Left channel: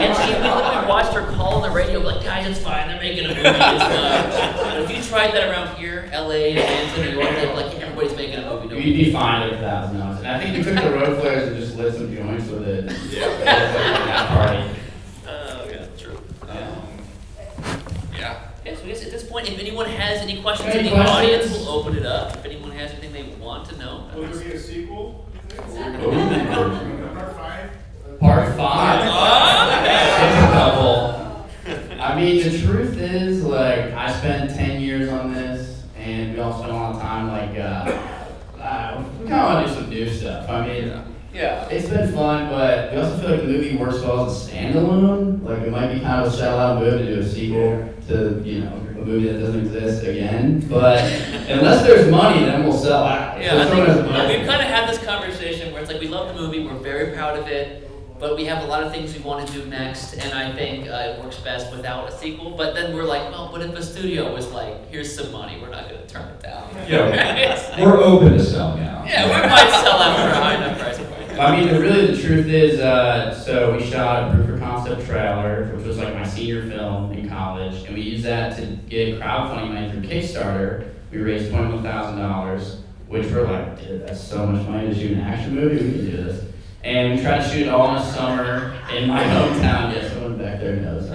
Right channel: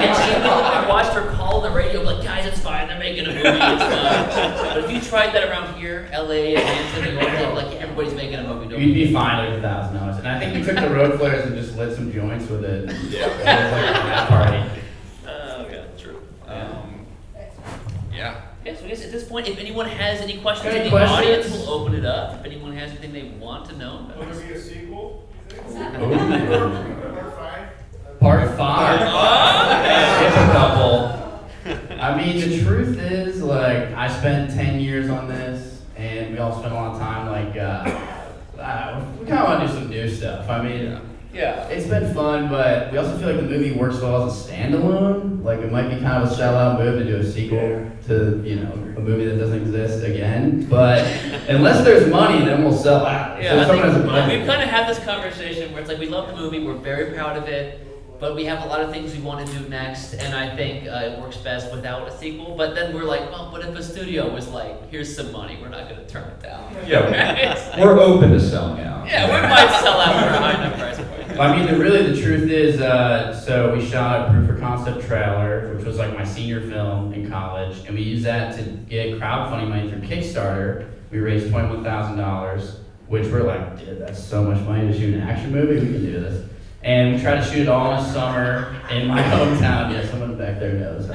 And she literally watched her call on the radio, like, guys, it's fine, they're making a movie, it's fine. But if you tried that around here, LA, Atlanta, New York, they'd be like, yeah, everybody's making a movie. You'd be fine with $1,000. And I think we took the road flares and just lit some joints with it. Yeah. Party. Yeah, true. Yeah. Okay, so I guess at this point, if anyone has any questions in the audience, we'll open it up. If anyone has anything they want to know. Will there be a sequel? Part 5. Oh, I mean, the truth is, like, I spent 10 years on this, and we all spent a lot of time, like, we kind of want to do some new stuff. I mean, yeah, it's been fun, but we also feel like the movie works well as a standalone. Like, it might be kind of a sellout move to do a sequel to, you know, a movie that doesn't exist again. But unless there's money, then we'll sell out. Yeah, So I think money. we've kind of had this conversation where it's like we love the movie, we're very proud of it, but we have a lot of things we want to do next, and I think it works best without a sequel. But then we're like, well, but if a studio was like, here's some money, we're not going to turn it down. Yeah, Like, we're open to selling out. yeah, we might sell out for a high enough price point. I mean, really, the truth is, so we shot a proof of concept trailer, which was like my senior film in college, and we used that to get crowdfunding money through Kickstarter. We raised $21,000, which we're like, dude, that's so much money to shoot an action movie, we can do this. And we tried to shoot it all in the summer in my hometown. Yeah, someone back there knows.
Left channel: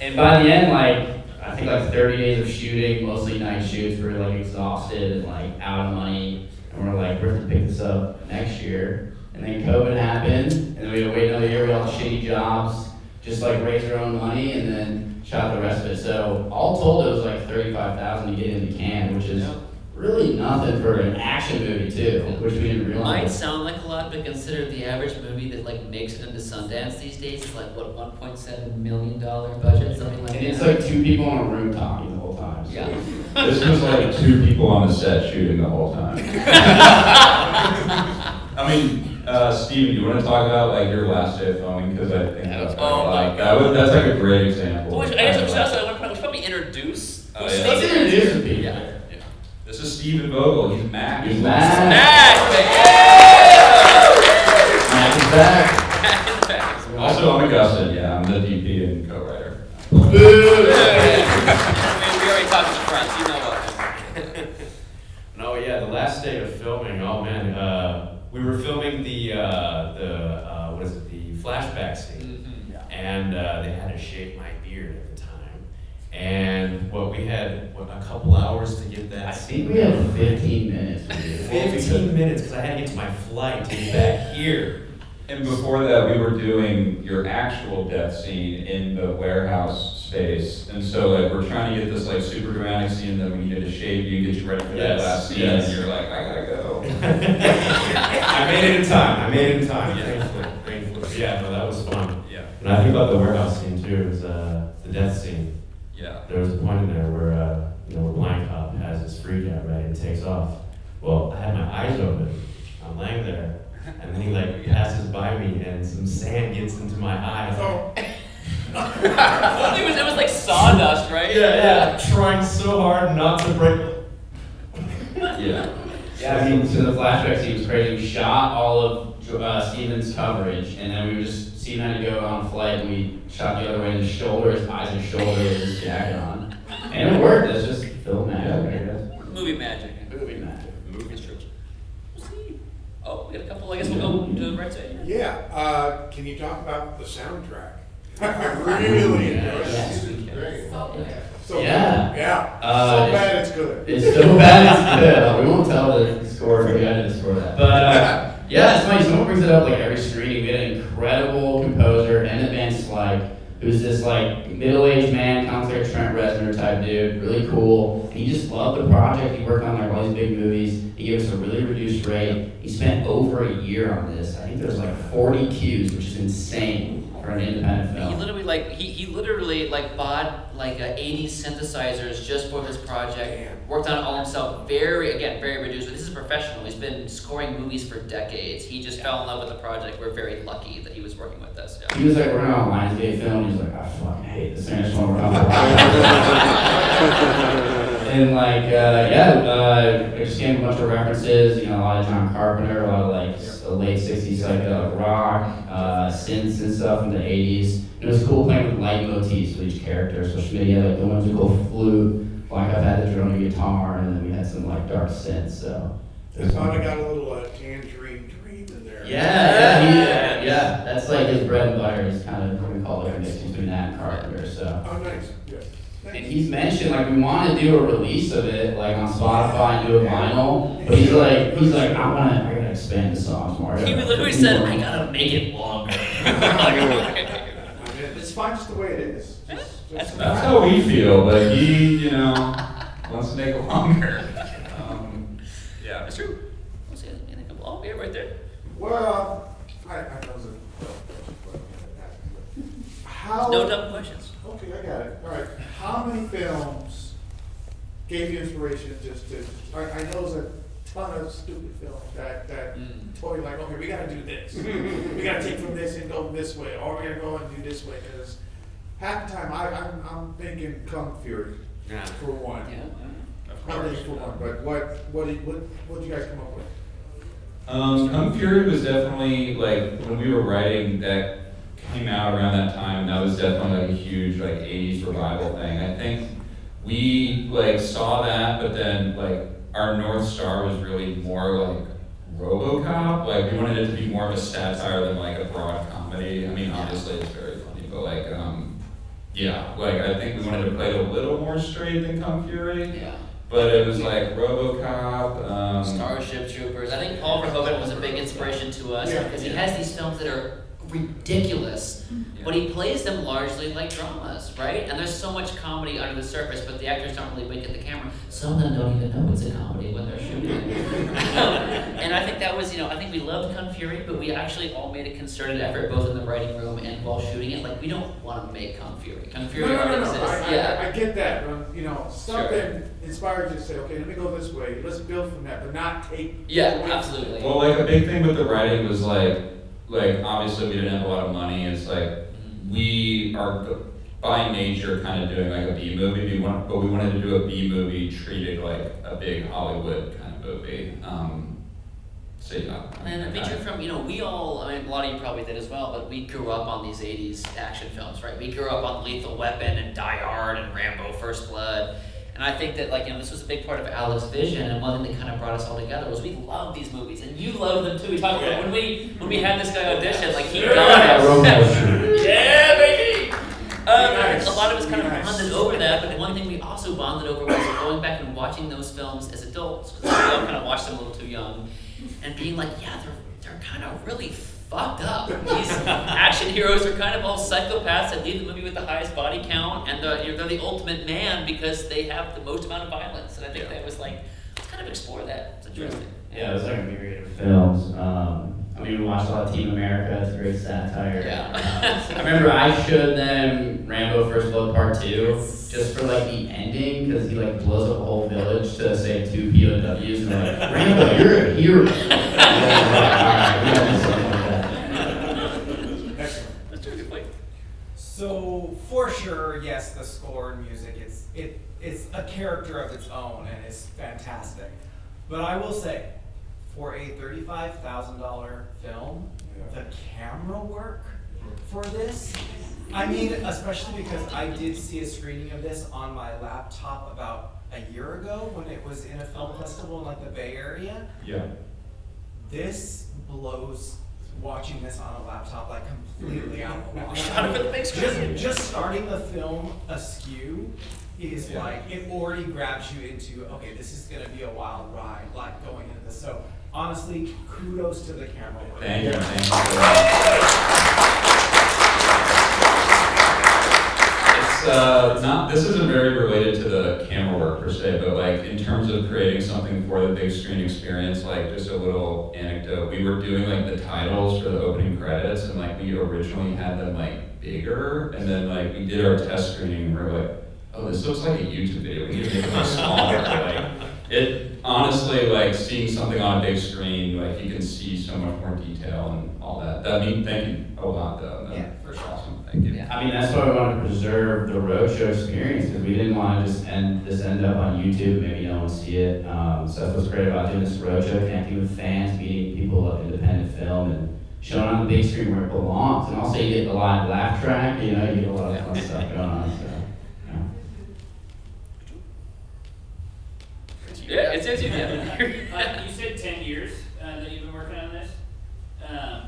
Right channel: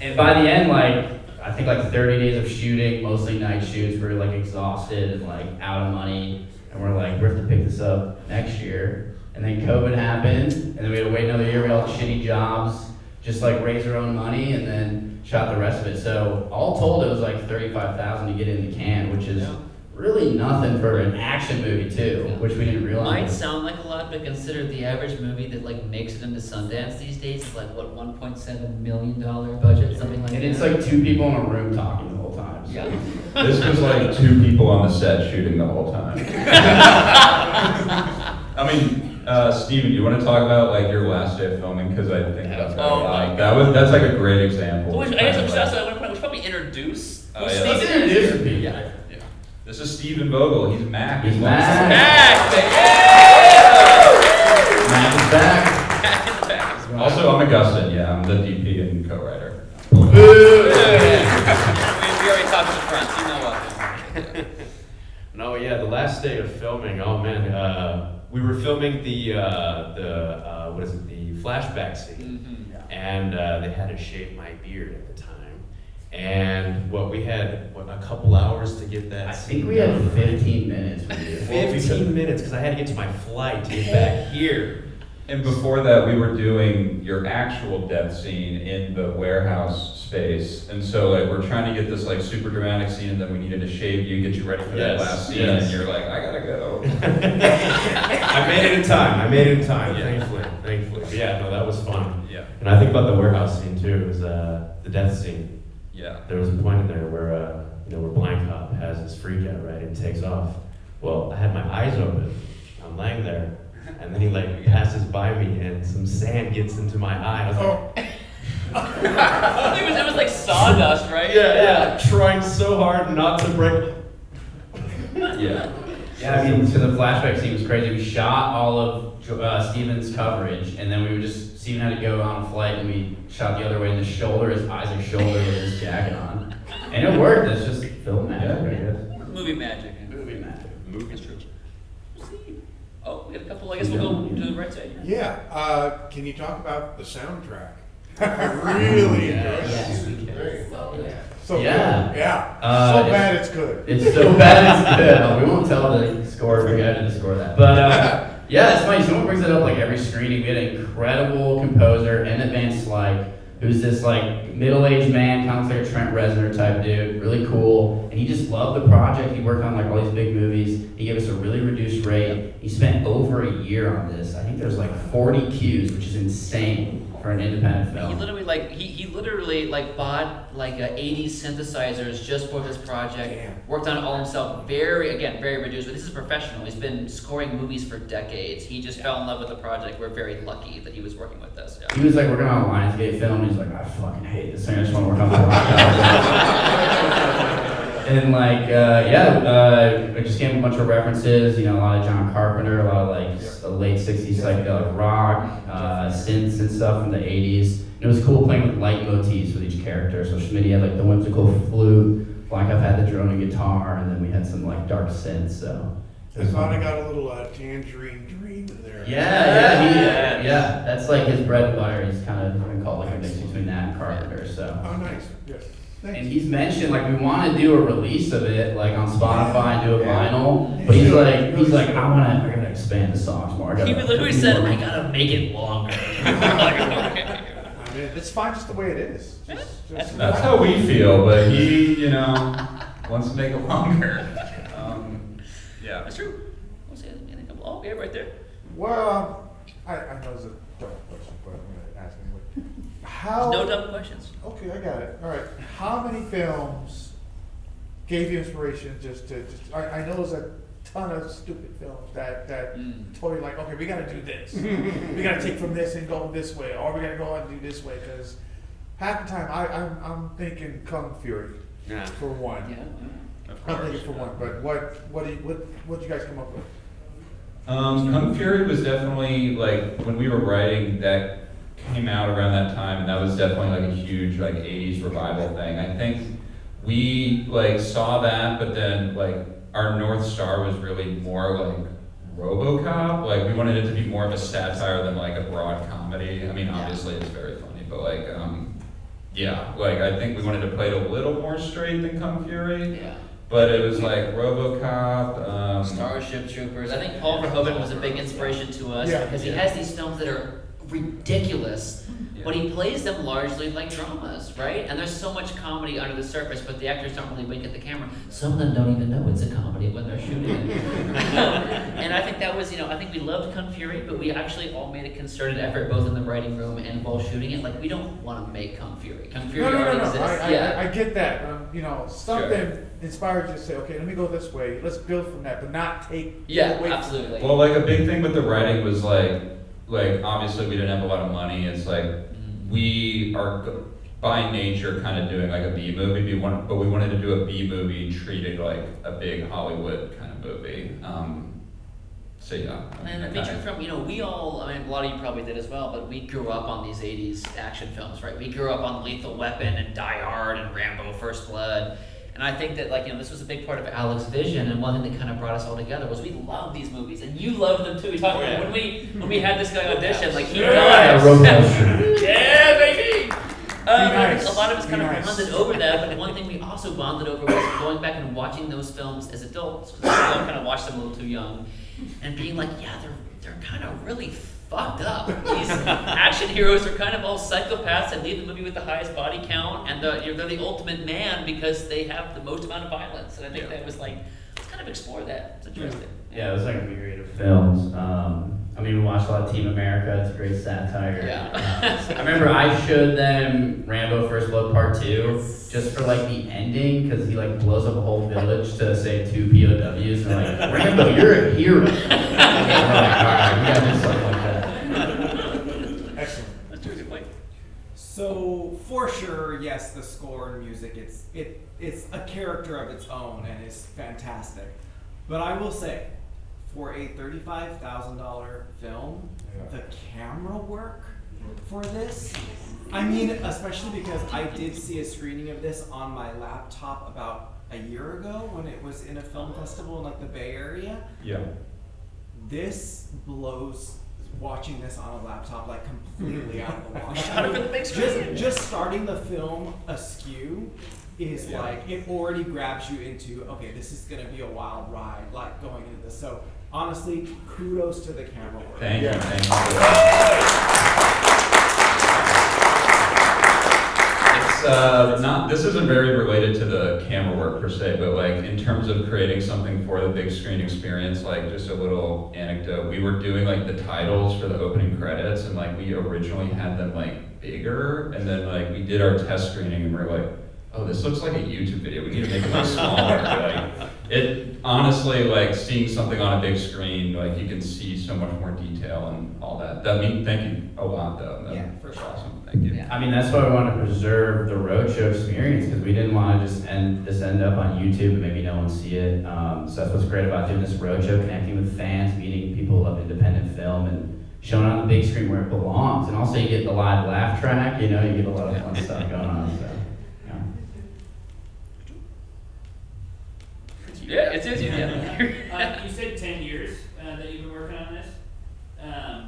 And by the end, like, I think like 30 days of shooting, mostly night shoots, we were like exhausted and like out of money. And we're like, we have to pick this up next year. And then COVID happened, and then we had to wait another year with all the shitty jobs, just like raise our own money, and then shot the rest of it. So all told, it was like $35,000 to get in the can, which is really nothing for an action movie too, which we didn't realize. Might sound like a lot, but consider the average movie that like makes it into Sundance these days is like what, $1.7 million budget, something like that. And it's like two people in a room talking the whole time. So. Yeah. This was like 2 people on the set shooting the whole time. I mean, Steven, you want to talk about like your last day of filming? Because I think that's that's like a great example. Well, I guess we should probably introduce. Let's introduce people. Yeah. This is Steven Vogel. He's Mac. He's Mac. Mac, Mac is back. Mac in the back. Also, I'm Augustin. Yeah, I'm the DP and co-writer. We already talked to the front, you know what. No, yeah, the last day of filming, oh man, we were filming the flashback scene. Mm-hmm. And they had to shave my beard at the time. And we had a couple hours to get that. I think we had 15 minutes. 15 minutes, because I had to get to my flight to get back here. And before that, we were doing your actual death scene in the warehouse space. And so like we're trying to get this like super dramatic scene, and then we needed to shave you, get you ready for that last scene, and you're like, I gotta go. I made it in time. Thankfully. But yeah, no, that was fun. Yeah. And I think about the warehouse scene too, was the death scene. Yeah. There was a point in there where where Blind Cop has his freak out, right, and takes off. Well, I had my eyes open. I'm laying there, and then he like passes by me, and some sand gets into my eye. I was like, it was like sawdust, right? yeah. Trying so hard not to break. Yeah. Yeah, I mean, so the flashback scene was crazy. We shot all of Steven's coverage, and then we would just see him had to go on a flight, and we shot the other way in the shoulder, his eyes and shoulder with his jacket on. And it worked. It's just film magic, I guess. Movie magic. Movie magic. Movie church. We'll see. Oh, we got a couple. I guess we'll go to the right side here. Yeah, can you talk about the soundtrack? I really enjoyed it. Great. So Yeah. good. Yeah. So bad it's good. It's so bad it's good. We won't tell the score if we had to score that. But yeah, it's funny. Someone brings it up like every screening. We had an incredible composer and advanced like who's this like middle-aged man, kind of like a Trent Reznor type dude, really cool. And he just loved the project. He worked on like all these big movies. He gave us a really reduced rate. He spent over a year on this. I think there's like 40 cues, which is insane for an independent film. He literally bought like 80 synthesizers just for this project. Worked on it all himself. Very reduced. But this is a professional. He's been scoring movies for decades. He just fell in love with the project. We're very lucky that he was working with us. Yeah. He was like working on a Lionsgate film. He's like, I fucking hate this thing. I just want to work on it. And like, I just gave him a bunch of references. You know, a lot of John Carpenter, a lot of like so late 60s psychedelic rock, synths and stuff in the 80s. And it was cool playing with leitmotifs with each character. So Schmitty had like the whimsical flute, Black Up had the drone and guitar, and then we had some like dark synths. So I thought I got a little Tangerine Dream in there. Yeah. That's like his bread and butter. He's kind of what we call like a mix between that and Carpenter. So. Oh, nice. Yes. And Thanks. he's mentioned like we want to do a release of it like on Spotify and do a vinyl, but he's like I gotta expand the songs more. He literally said, I gotta make it longer. It's fine just the way it is. That's That's how we feel, but he, wants to make it longer. Yeah. That's true. We'll see anything. Oh, yeah, right there. Well, I know it's a dumb question, but I'm gonna ask anyway. How? No dumb questions. Okay, I got it. All right. How many films gave you inspiration I know there's a ton of stupid films that told you like, okay, we gotta do this. We gotta take from this and go this way, or we gotta go and do this way, because half the time I'm thinking Kung Fury for one. Yeah. Of Not course. really for one, but what did you guys come up with? Kung Fury was definitely like when we were writing that came out around that time, and that was definitely like a huge like 80s revival thing. I think we like saw that, but then like our North Star was really more like RoboCop. Like we wanted it to be more of a satire than like a broad comedy. I mean, obviously it's very funny, but like like I think we wanted to play it a little more straight than Kung Fury. Yeah. But it was like RoboCop. Starship Troopers. I think Paul Verhoeven was a big inspiration to us because he has these films that are ridiculous, but he plays them largely like dramas, right? And there's so much comedy under the surface, but the actors don't really wink at the camera. Some of them don't even know it's a comedy when they're shooting it. And I think that was, I think we loved Kung Fury, but we actually all made a concerted effort, both in the writing room and while shooting it. Like, we don't want to make Kung Fury. Kung Fury already exists. I get that, but something inspired you to say, okay, let me go this way. Let's build from that, but not take. Yeah, absolutely. Well, like a big thing with the writing was like obviously we didn't have a lot of money. It's like we are by nature kind of doing like a B movie, but we wanted to do a B movie treated like a big Hollywood kind of movie. So yeah. And a feature from, we all, a lot of you probably did as well, but we grew up on these 80s action films, right? We grew up on Lethal Weapon and Die Hard and Rambo First Blood. And I think that, this was a big part of Alec's vision, and one thing that kind of brought us all together was we love these movies, and you love them too. We talked about when we had this guy audition, he got it. Yeah, baby! I think a lot of us kind of bonded over that, but the one thing we also bonded over was going back and watching those films as adults, because we all kind of watched them a little too young, and being like, they're kind of really fucked up. These action heroes are kind of all psychopaths that leave the movie with the highest body count, and they're the ultimate man because they have the most amount of violence. And I think that was let's kind of explore that. It's interesting. Yeah, it was like a myriad of films. We watched a lot of Team America. It's a great satire. Yeah. I remember I showed them Rambo First Blood Part 2 just for the ending, because he blows up a whole village to save 2 POWs, and they're like, Rambo, you're a hero. That's a good point. So for sure, yes, the score and music, it's a character of its own and it's fantastic. But I will say, for a $35,000 film, the camera work for this, especially because I did see a screening of this on my laptop about a year ago when it was in a film festival in the Bay Area. Yeah. This blows watching this on a laptop completely out of the water. Shot it for the big screen. Just starting the film askew is it already grabs you into, okay, this is gonna be a wild ride, going into this. So honestly, kudos to the camera work. Thank you. This isn't very related to the camera work per se, but in terms of creating something for the big screen experience, just a little anecdote. We were doing the titles for the opening credits, and we originally had them bigger, and then we did our test screening, and we're like, oh, this looks like a YouTube video. We need to make it smaller. It honestly, seeing something on a big screen, you can see so much more detail and all that thank you a lot, though. Yeah, for sure. Awesome, thank you. Yeah. I mean, that's why we want to preserve the roadshow experience, because we didn't want to just end up on YouTube and maybe no one see it. So that's what's great about doing this roadshow, connecting with fans, meeting people of independent film, and showing on the big screen where it belongs. And also you get the live laugh track, you know, you get a lot of fun stuff going on. So, Yeah, it's easy. Yeah. You said 10 years that you've been working on this.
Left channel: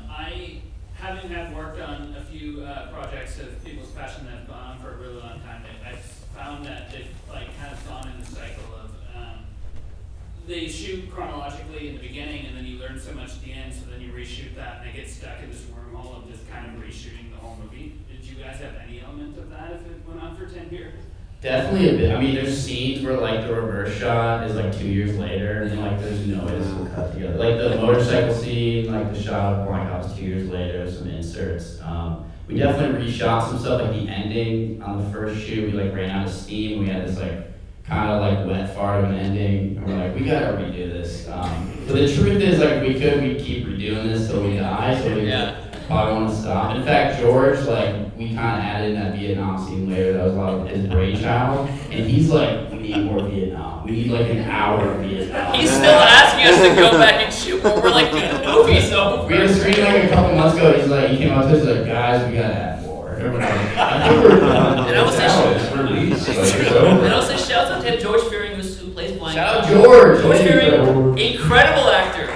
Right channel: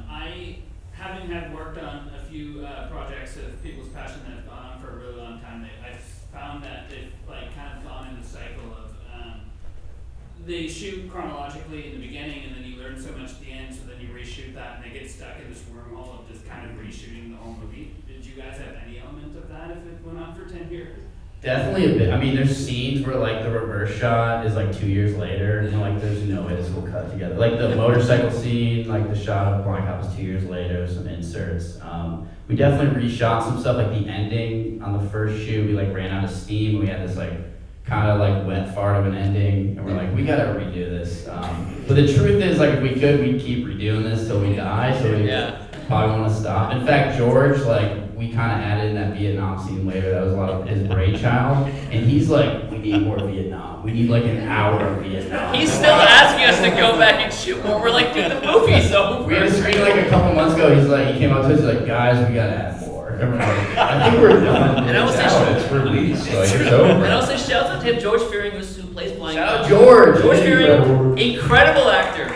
I, having have worked on a few projects of people's passion that have gone on for a really long time, I've found that they've like kind of gone in a cycle of they shoot chronologically in the beginning, and then you learn so much at the end, so then you reshoot that, and they get stuck in this wormhole of just kind of reshooting the whole movie. Did you guys have any element of that if it went on for 10 years? definitely a bit. I mean, there's scenes where like the reverse shot is like 2 years later, and like there's no way this will cut together. Like the motorcycle scene, like the shot of Bonk was 2 years later. There's some inserts. We definitely reshot some stuff. Like the ending on the first shoot, we like ran out of steam. We had this like kind of like went far to an ending, and we're like, we gotta redo this. But the truth is, like, if we could, we'd keep redoing this till we die. So we probably want to stop. In fact, George, like, we kind of added in that Vietnam scene later. That was a lot of his brainchild, and he's like, we need more Vietnam. We need like an hour of Vietnam. He's still asking us to go back and shoot more. We're like, dude, the movie's over. We had a screen like a couple months ago. He's like, he came up to us like, guys, we gotta add more. And we're like, I think we're done. And I will say, It's released, like, it's over. and I'll say shout out to him, George Fearing, who plays Blind. Shout out George. George Fearing, incredible actor.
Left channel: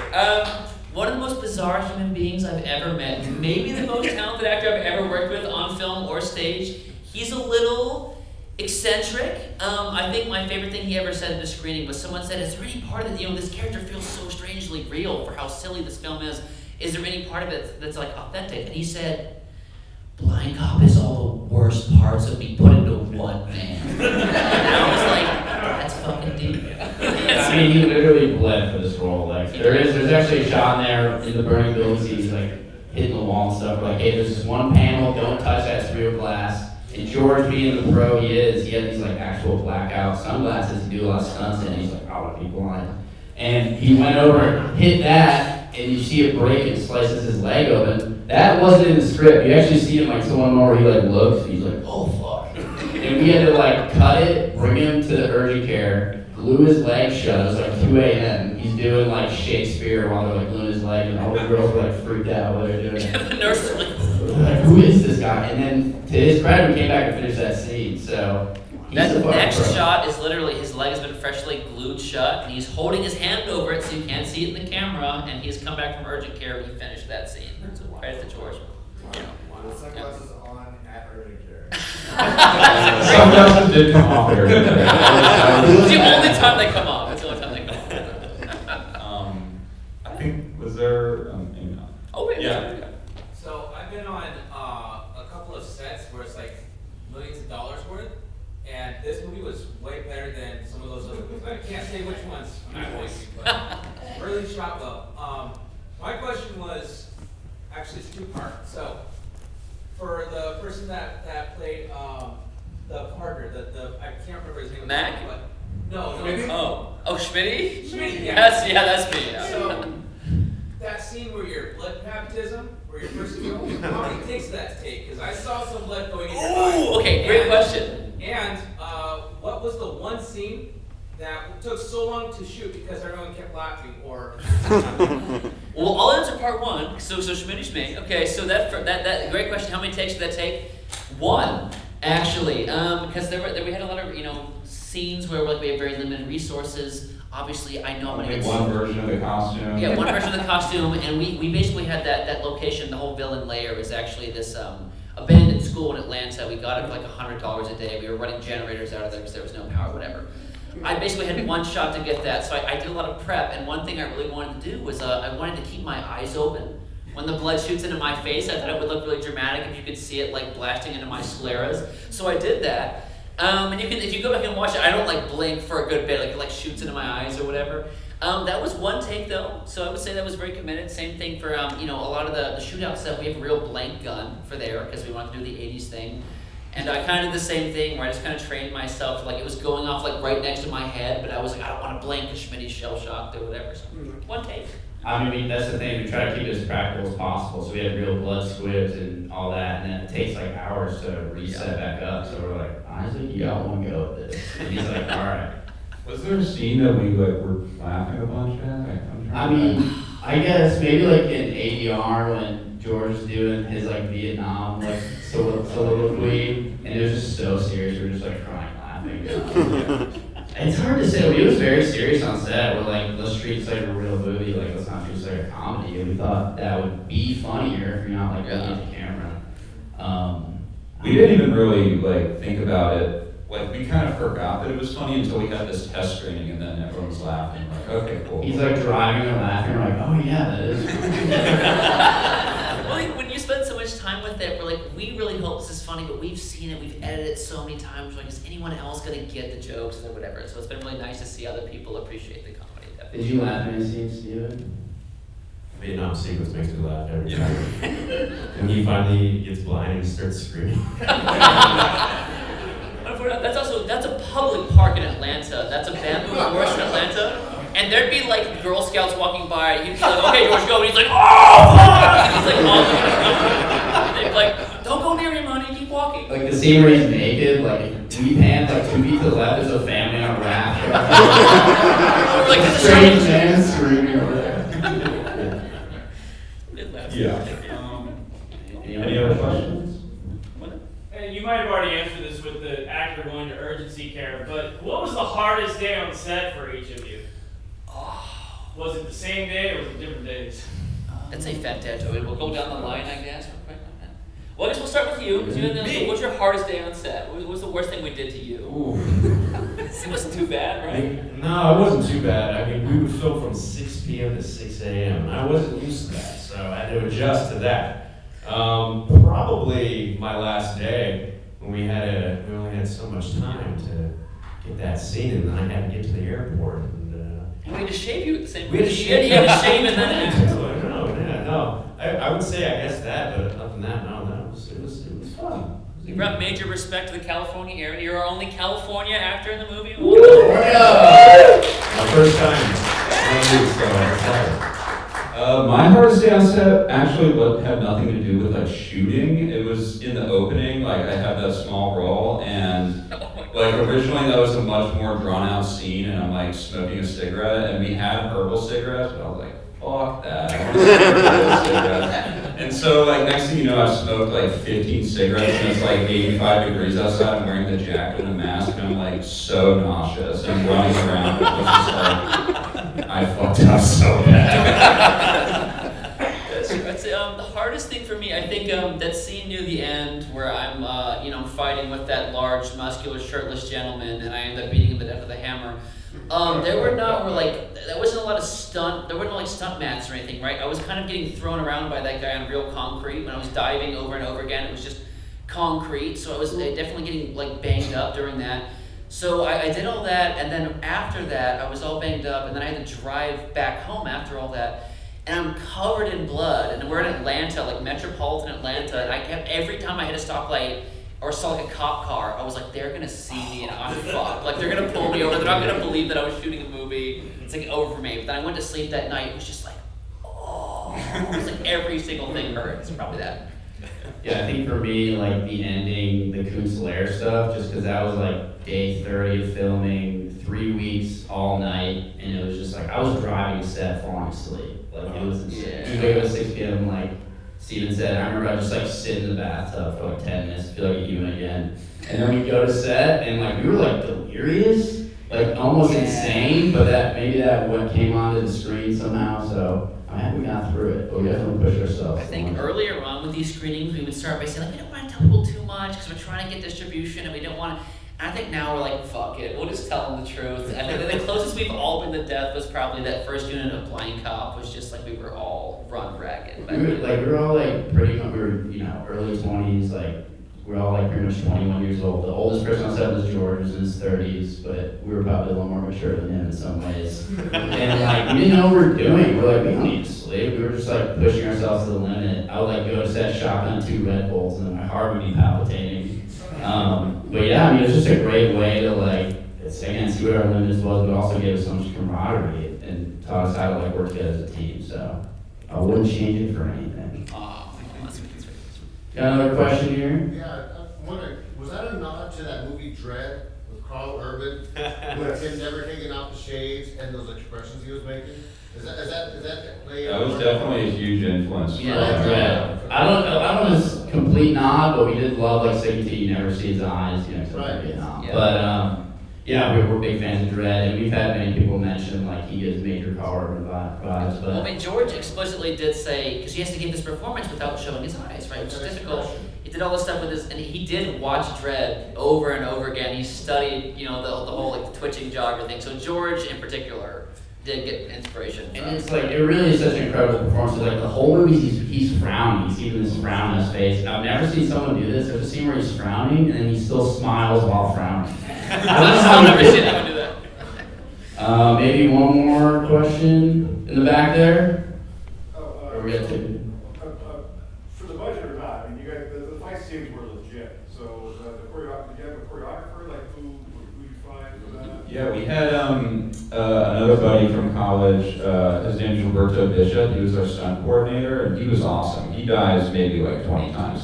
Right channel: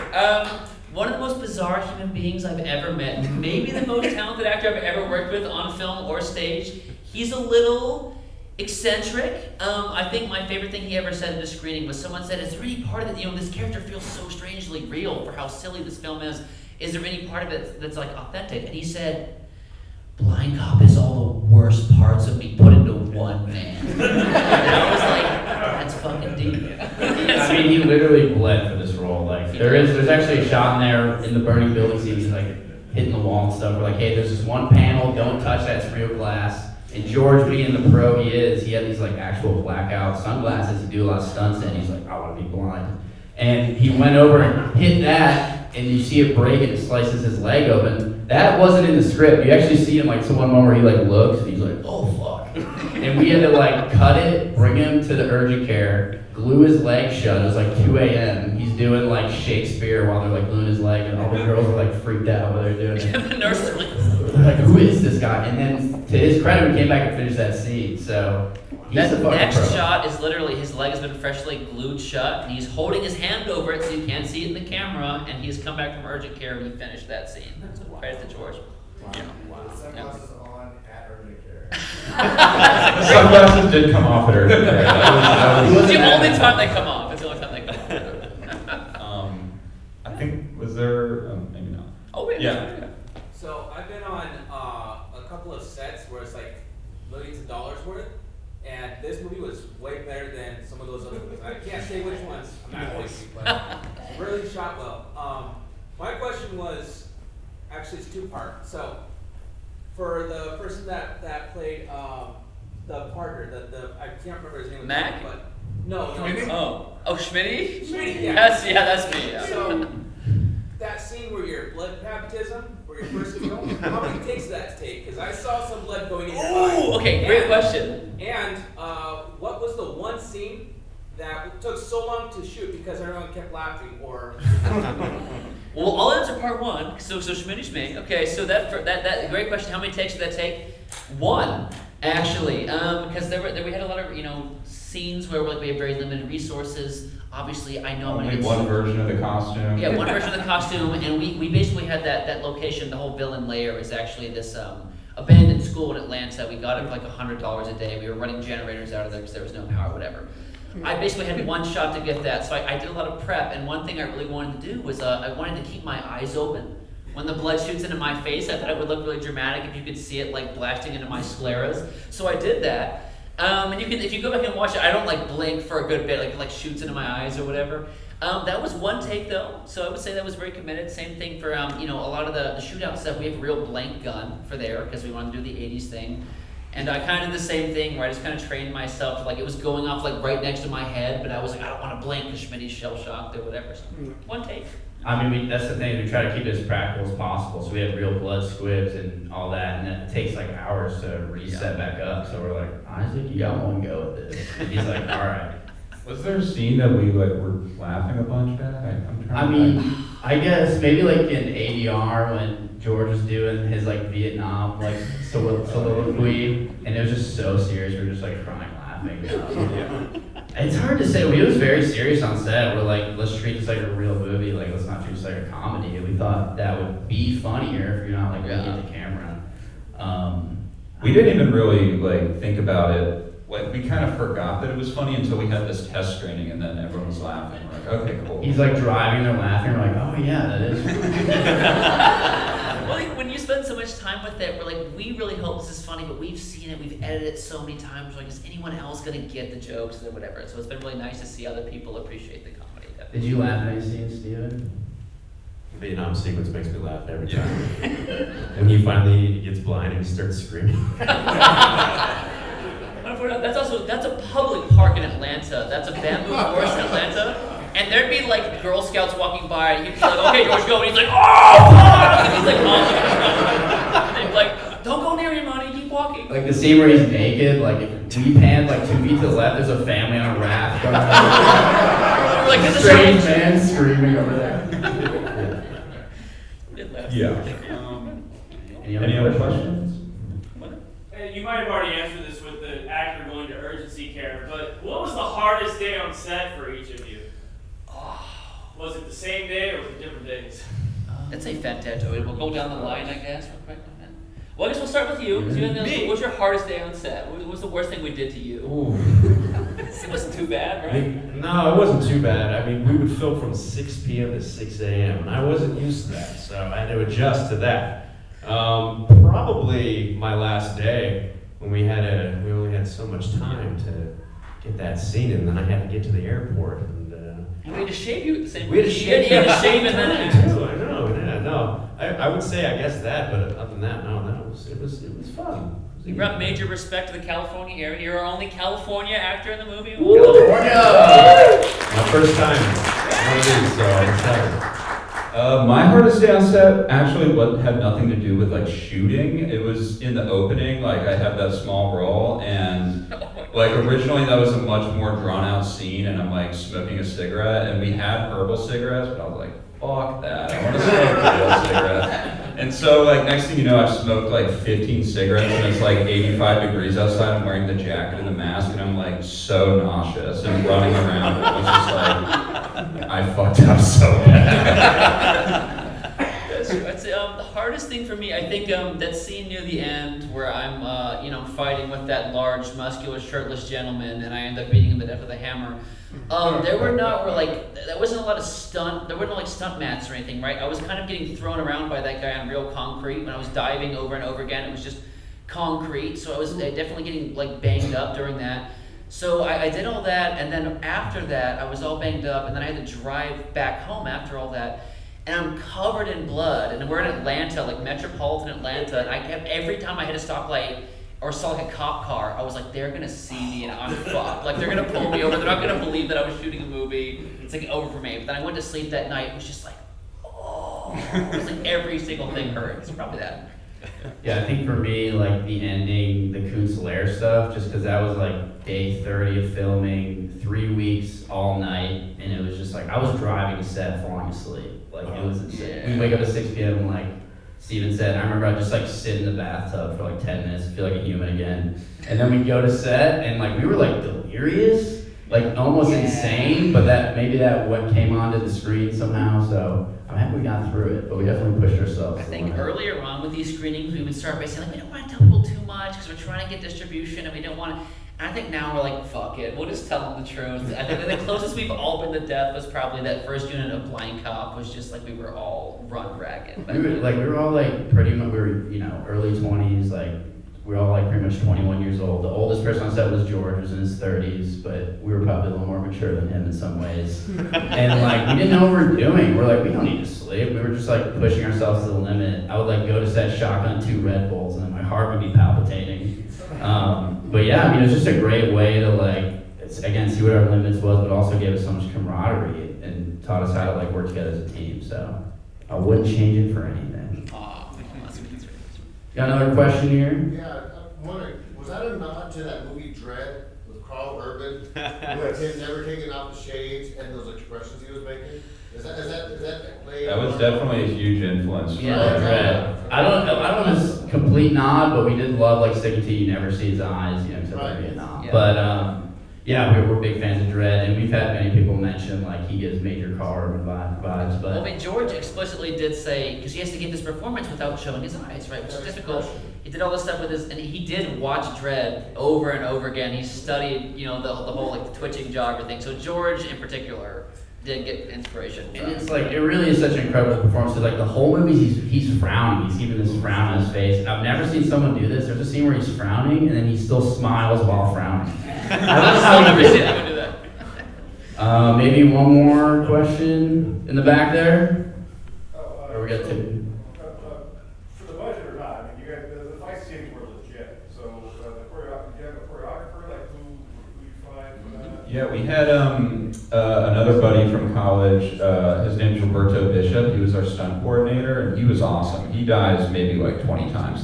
One of the most bizarre human beings I've ever met. Maybe the most talented actor I've ever worked with on film or stage. He's a little eccentric. I think my favorite thing he ever said at a screening was someone said, is there any part of it, this character feels so strangely real for how silly this film is. Is there any part of it that's like authentic? And he said, Blind Cop is all the worst parts of me put into one man. And I was like, that's fucking deep. I mean, he literally bled for this role. Like, there's actually a shot in there in the burning building scene. He's like hitting the wall and stuff. Like, hey, there's this one panel. Don't touch that real glass. And George, being the pro he is, he had these like actual blackout sunglasses to do a lot of stunts in. He's like, I want to be blind. And he went over and hit that, and you see it break and slices his leg open. That wasn't in the script. You actually see him like to one moment where he like looks and he's like, oh fuck. And we had to like cut it, bring him to the urgent care, glue his leg shut. It was like 2 a.m. He's doing like Shakespeare while they're like gluing his leg, and all the girls are like freaked out while they're doing it. The nurses are like, Who is this guy? And then to his credit, we came back and finished that scene. So he's that a fucking next pro. shot is literally his leg has been freshly glued shut, and he's holding his hand over it so you can't see it in the camera, and he's come back from urgent care and he finished that scene. So credit to George. Sunglasses on at urgent care. Sunglasses did come off there. It's the only time they come off. It's the only time they come off. I think, was there, maybe not. Oh, wait. Yeah. So I've been on a couple of sets where it's like millions of dollars worth, and this movie was way better than some of those other movies. I can't say which ones I'm not going to, but really shot well. My question was, actually it's two-part. So for the person that played the partner, I can't remember his name. Mac? But no. Oh, Schmitty? Schmitty, yeah. That's me. Yeah. So that scene where your blood baptism, where you're first to go, how many takes did that take? Because I saw some blood going in your eye. Ooh, okay, great question. And what was the one scene that took so long to shoot because everyone kept laughing? Or Well, I'll answer part one. So Schmitty's me. Okay, so that great question. How many takes did that take? One, actually, because we had a lot of scenes where like we have very limited resources. Obviously, I know I'm gonna Only get one version of the costume. Yeah, one version of the costume, and we basically had that location. The whole villain layer is actually this abandoned school in Atlanta. We got it for like $100 a day. We were running generators out of there because there was no power, whatever. I basically had one shot to get that, so I did a lot of prep. And one thing I really wanted to do was I wanted to keep my eyes open. When the blood shoots into my face, I thought it would look really dramatic if you could see it like blasting into my scleras. So I did that. And if you go back and watch it, I don't like blink for a good bit, like it like shoots into my eyes or whatever. That was one take though, so I would say that was very committed. Same thing for a lot of the shootout stuff. We have a real blank gun for there because we wanted to do the '80s thing. And I kind of did the same thing where I just kind of trained myself, like it was going off like right next to my head, but I was like, I don't want to blink because Schmitty's shell shocked or whatever. So one take. I mean, that's the thing, we try to keep it as practical as possible, so we have real blood squibs and all that, and then it takes like hours to reset back up, so we're like, honestly, you got one go with this. And he's like, alright. Was there a scene that we like were laughing a bunch at? I'm I trying to- mean, I guess maybe like in ADR when George was doing his like Vietnam like soliloquy, and it was just so serious, we were just like crying laughing. It's hard to say. We was very serious on set. We're like, let's treat this like a real movie. Like, let's not treat this like a comedy. And we thought that would be funnier if you're not like looking at the camera. We didn't even really like think about it. Like we kind of forgot that it was funny until we had this test screening, and then everyone was laughing. We're like, okay, cool. He's like driving and laughing. We're like, oh yeah, that is. Well, like, when you spend so much time with it, we're like, we really hope this is funny, but we've seen it, we've edited it so many times. We're like, is anyone else gonna get the jokes or whatever? So it's been really nice to see other people appreciate the comedy. Did you laugh at any scenes, Steven? The Vietnam sequence makes me laugh every time. And he finally gets blind and he starts screaming. That's a public park in Atlanta. That's a bamboo forest in Atlanta. And there'd be like Girl Scouts walking by, and he'd be like, okay, George, go. And he's like, oh, fuck! And he's like, oh, and they'd be like, don't go near him, honey, keep walking. Like the scene where he's naked, like if we pan like 2 feet to the left, there's a family on a raft. We're like, this is Strange strange. man screaming over there. Yeah. Any other questions? You might have already answered this with the actor going to urgency care, but what was the hardest day on set for each of you? Was it the same day or was it different days? That's a fantastic. We'll go down the line, I guess, real quick. Well, I guess we'll start with you. 'Cause what's your hardest day on set? What was the worst thing we did to you? It wasn't too bad, right? No, it wasn't too bad. I mean, we would film from 6 p.m. to 6 a.m. and I wasn't used to that, so I had to adjust to that. Probably my last day when we only had so much time to get that scene, and then I had to get to the airport. And we had to shave you at the same We had time. to You had to shave and then No. I would say I guess that, but other than that, no, it was fun. we brought major respect to the California area. You're our only California actor in the movie. California! My first time. So I'm excited. My hardest day on set actually had nothing to do with like shooting. It was in the opening, like I had that small role, and like originally that was a much more drawn out scene, and I'm like smoking a cigarette, and we had herbal cigarettes, but I was like, fuck that, I want to smoke real cigarettes. And so like next thing you know, I've smoked like 15 cigarettes, and it's like 85 degrees outside. I'm wearing the jacket and the mask, and I'm like so nauseous and running around. It was just like I fucked up so bad. I'd say the hardest thing for me, I think that scene near the end where I'm fighting with that large, muscular, shirtless gentleman, and I end up beating him to death with a hammer. There wasn't a lot of there weren't like stunt mats or anything, right? I was kind of getting thrown around by that guy on real concrete. When I was diving over and over again, it was just concrete, so I was definitely getting like banged up during that. So I did all that, and then after that, I was all banged up, and then I had to drive back home after all that, and I'm covered in blood, and we're in Atlanta, like metropolitan Atlanta, and I kept, every time I hit a stoplight or saw like a cop car, I was like, they're gonna see me and I'm fucked. Like they're gonna pull me over, they're not gonna believe that I was shooting a movie. It's like over for me. But then I went to sleep that night, it was just like, oh, it was like every single thing hurt. It's probably that. Yeah, I think for me, like the ending, the Kunstler stuff, just because that was like day 30 of filming, 3 weeks, all night, and it was just like, I was driving a set, falling asleep. Like it was insane. Yeah. You wake up at 6 p.m., like Steven said, I remember I just like sit in the bathtub for like 10 minutes, feel like a human again. And then we go to set, and like we were like delirious, like almost insane, but maybe that what came onto the screen somehow, so I'm happy we got through it, but we definitely pushed ourselves. I think earlier on with these screenings, we would start by saying, like, we don't want to tell people too much because we're trying to get distribution and we don't want to. And I think now we're like, fuck it, we'll just tell them the truth. I think the closest we've all been to death was probably that first unit of Blind Cop, was just like we were all run ragged. We were all like pretty much, we were, early 20s, like we were all like pretty much 21 years old. The oldest person on set was George, who was in his 30s, but we were probably a little more mature than him in some ways. And like, we didn't know what we were doing. We're like, we don't need to sleep. We were just like pushing ourselves to the limit. I would like go to set, shotgun 2 Red Bulls, and then my heart would be palpitating. But yeah, I mean, it's just a great way to like, again, see what our limits was, but also give us so much camaraderie and taught us how to like work together as a team. So I wouldn't change it for anything. Aw, that's sweet. Got another question here? Yeah, I'm wondering, was that a nod to that movie Dread with Carl Urban? With him never taking off the shades and those expressions he was making? Is that play? That was definitely a huge influence. Yeah, Dread. I don't know if it's complete nod, but we did love like Siggy T. You never see his eyes, you know, except for Vietnam. Yeah. But yeah, we're big fans of Dread, and we've had many people mention like he gives major Carl Urban vibes. But Well, I mean, George explicitly did say, because he has to give this performance without showing his eyes, right? Which is difficult. He did all this stuff with his, and he did watch Dredd over and over again. He studied, you know, the whole like the twitching jaw, everything. So George in particular did get inspiration from. and it's like it really is such an incredible performance. It's like the whole movie he's frowning. He's keeping this frown on his face. And I've never seen someone do this. There's a scene where he's frowning and then he still smiles while frowning. I've still never seen anyone do that. Maybe one more question in the back there. Or we got two. For the budget or not, I mean, you guys, the fight scenes were legit. So the choreographer, you have a choreographer, like who you find for that? Yeah, we had another buddy from college. His name is Roberto Bishop. He was our stunt coordinator, and he was awesome. He dies maybe like 20 times.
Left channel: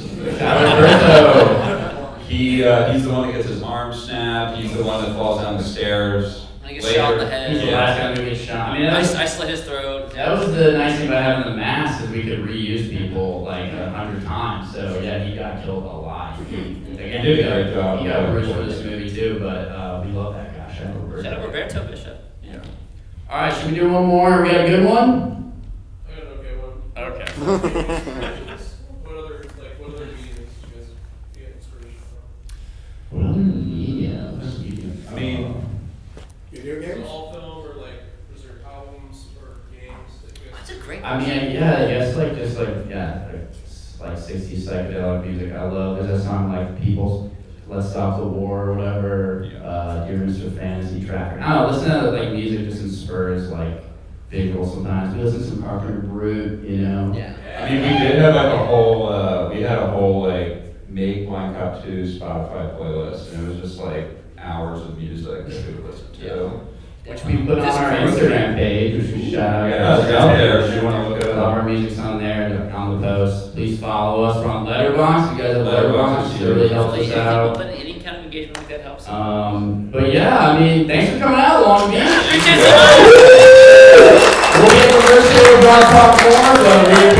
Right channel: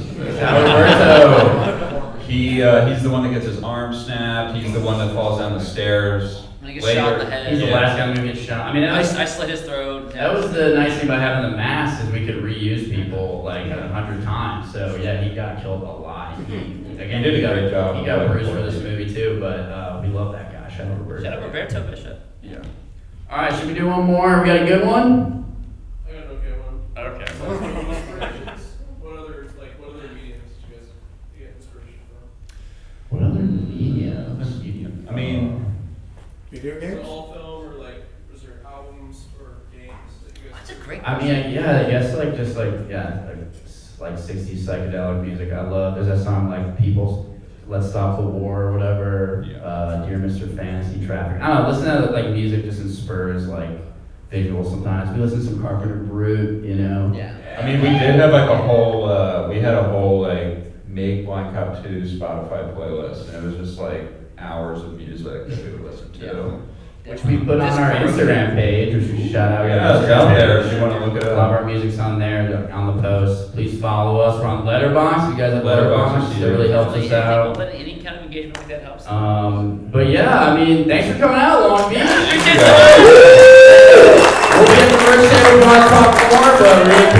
He's the one that gets his arm snapped. He's the one that falls down the stairs. And he gets shot in the head. He's the last guy to get shot. I mean, I slit his throat. that was the nice thing about having the mask is we could reuse people like 100 times. So yeah, he got killed a lot. Again, He did a great job. He got bruised for this movie too, but we love that guy. Shout out Roberto Bishop. Yeah. All right, should we do one more? We got a good one. I got an okay one. Okay. What other mediums did you guys get inspiration from? What other mediums? I mean, Video Was it games? all film or like was there albums or games that you guys? That's a great I mean, question. yeah, I guess like just like like 60s psychedelic music. I love. There's that song like People's Let's Stop the War or whatever. Yeah. Dear Mr. Fantasy Traffic. I don't know. Listen to like music just inspires like visual sometimes. We listen to some Carpenter Brute, you know. Yeah. I mean, we did have like a whole, we had a whole like Make Blind Cop 2 Spotify playlist, and it was just like hours of music that we would listen to. Yeah. Which we put on our Instagram page, which we shout out. Yeah, it's out there if you wanna look it up. All of our music's on there, on the post. Please follow us. We're on Letterboxd. You guys have Letterboxd, Letterboxd. It really helps us out. Any kind of engagement like that helps. But yeah, I mean, thanks for coming out, Long Beach. Appreciate it so much. We'll be at the first day, we're going to talk more, but